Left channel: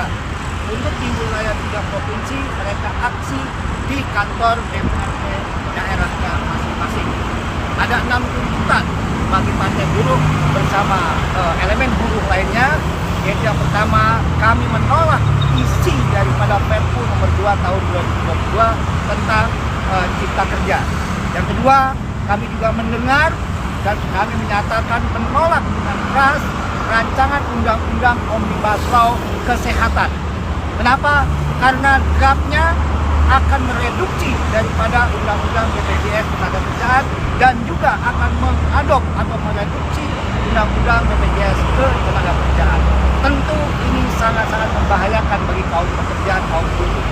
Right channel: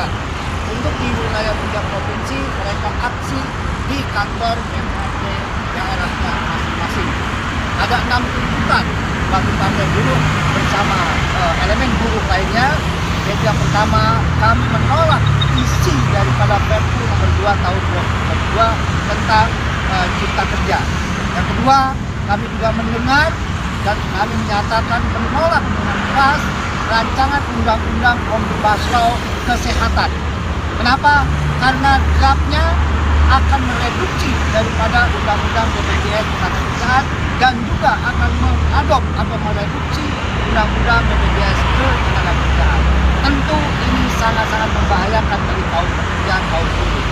Barat. Untuk di wilayah 3 provinsi, mereka aksi di kantor DPRD daerahnya masing-masing. Ada 6 tuntutan bagi Partai Buruh bersama elemen buruh lainnya. Yaitu yang pertama, kami menolak isi daripada Perpu nomor 2 tahun 2022 tentang Cipta Kerja. Yang kedua, kami juga mendengar dan kami menyatakan menolak dengan keras rancangan undang-undang Omnibus Law Kesehatan. Kenapa? Karena draftnya akan mereduksi daripada undang-undang BPJS Ketenagakerjaan dan juga akan mengadop atau mereduksi undang-undang BPJS Ketenagakerjaan. Tentu ini sangat-sangat membahayakan bagi kaum pekerja, kaum buruh.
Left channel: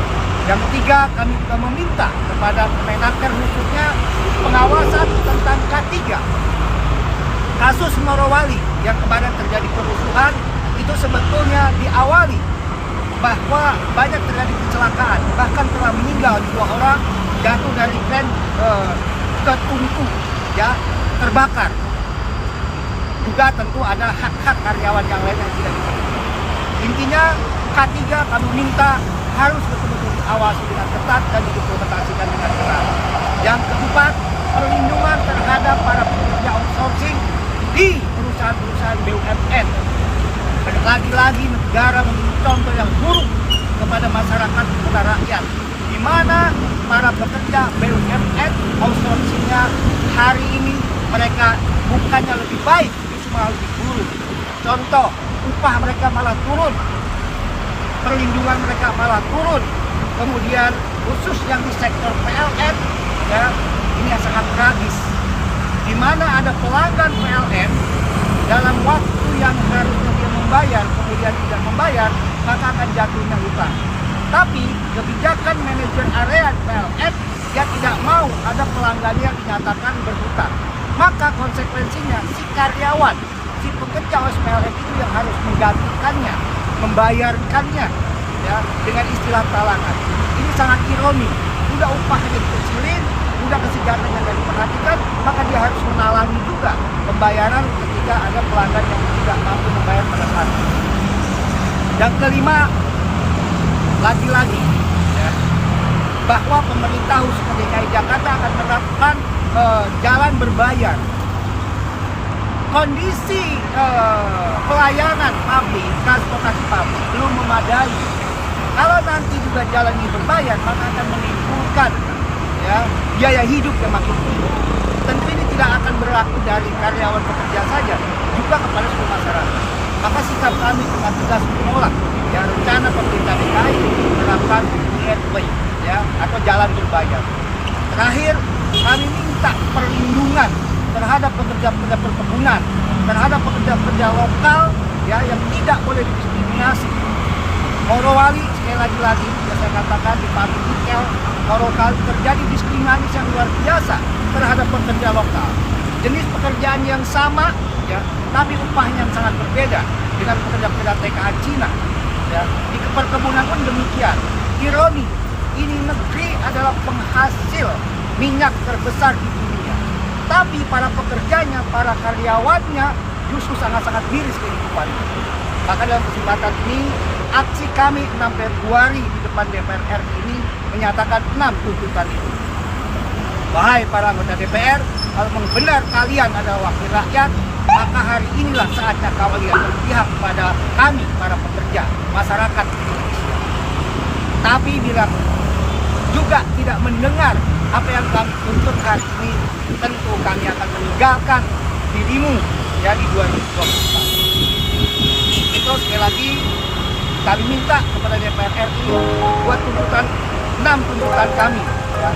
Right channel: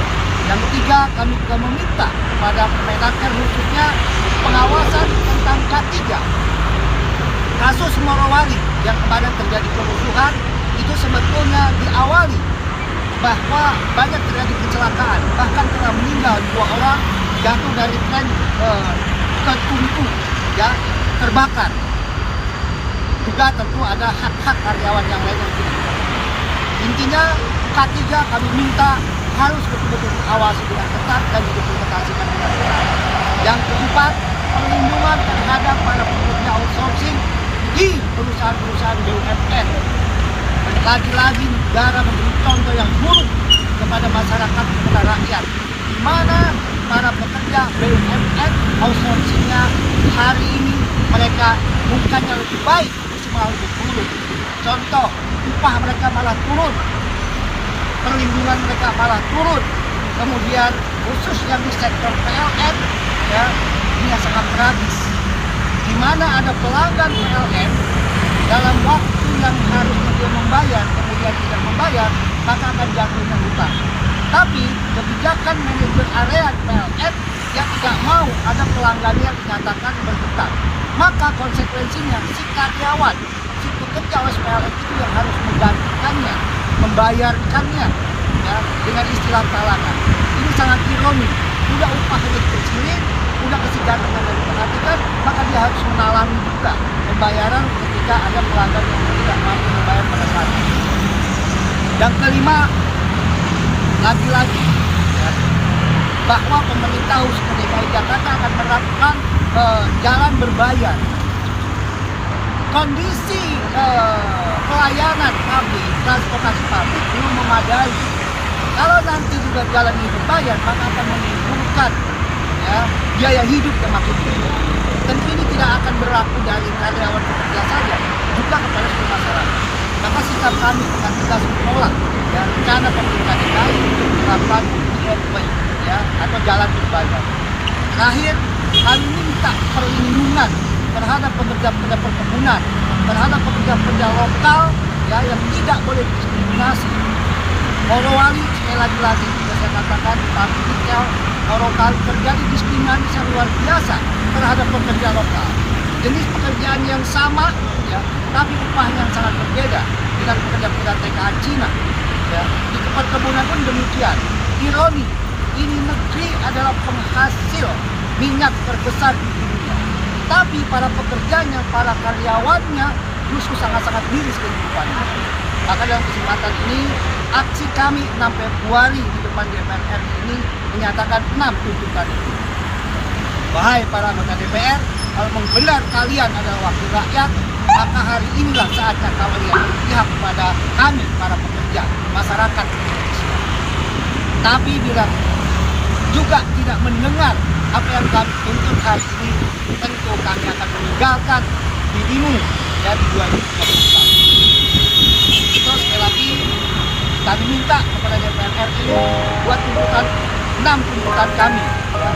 Yang ketiga, kami juga meminta kepada Kemenaker khususnya pengawasan tentang K3. Kasus Morowali yang kemarin terjadi kerusuhan itu sebetulnya diawali bahwa banyak terjadi kecelakaan, bahkan telah meninggal 2 orang jatuh dari tren ke tungku, ya, terbakar. Juga tentu ada hak-hak karyawan yang lain yang tidak dipenuhi. Intinya K3 kami minta harus betul-betul diawasi dengan ketat dan diimplementasikan dengan benar. Yang keempat, perlindungan terhadap para pekerja outsourcing di perusahaan-perusahaan BUMN. Lagi-lagi negara memberi contoh yang buruk kepada masyarakat, kepada rakyat, di mana para pekerja BUMN outsourcingnya hari ini mereka bukannya lebih baik, malah lebih buruk. Contoh, upah mereka malah turun, perlindungan mereka malah turun. Kemudian khusus yang di sektor PLN, ya, ini yang sangat tragis, di mana ada pelanggan PLN dalam waktu yang harusnya dia membayar kemudian tidak membayar, maka akan jatuhnya hutang. Tapi kebijakan manajer area PLN dia tidak mau ada pelanggannya yang dinyatakan berhutang, maka konsekuensinya si karyawan, si pekerja PLN itu yang harus menggantikannya, membayarkannya, ya, dengan istilah talangan. Ini sangat ironi. Udah upahnya dikecilin, udah kesejahteraan yang tidak diperhatikan, maka dia harus menalangi juga pembayaran ketika ada pelanggan yang tidak mampu membayar pada saat itu. Yang kelima, lagi-lagi, ya, bahwa pemerintah khususnya DKI Jakarta akan menerapkan jalan berbayar. Kondisi pelayanan publik, transportasi publik belum memadai. Kalau nanti juga jalan ini berbayar, maka akan menimbulkan, ya, biaya hidup yang makin tinggi. Tentu ini tidak akan berlaku dari karyawan pekerja saja, juga kepada seluruh masyarakat. Maka sikap kami tegas menolak, ya, rencana pemerintah DKI untuk menerapkan JRW, ya, atau jalan berbayar. Terakhir, kami minta perlindungan terhadap pekerja-pekerja perkebunan, terhadap pekerja-pekerja lokal, ya, yang tidak boleh didiskriminasi. Morowali, sekali lagi yang saya katakan di pabrik nikel Morowali terjadi diskriminasi yang luar biasa terhadap pekerja lokal. Jenis pekerjaan yang sama, ya, tapi upahnya yang sangat berbeda dengan pekerja-pekerja TKA Cina. Ya, di perkebunan pun demikian. Ironi, ini negeri adalah penghasil minyak terbesar di dunia, tapi para pekerjanya, para karyawannya justru sangat-sangat miris kehidupannya. Maka dalam kesempatan ini, aksi kami 6 Februari di depan DPR RI ini menyatakan 6 tuntutan itu. Wahai para anggota DPR, kalau memang benar kalian adalah wakil rakyat, maka hari inilah saatnya kalian berpihak kepada kami, para pekerja, masyarakat Indonesia. Tapi bila juga tidak mendengar apa yang kami tuntut hari ini, tentu kami akan meninggalkan dirimu dari 2024. Itu sekali lagi kami minta kepada DPR RI buat tuntutan 6 tuntutan kami, ya.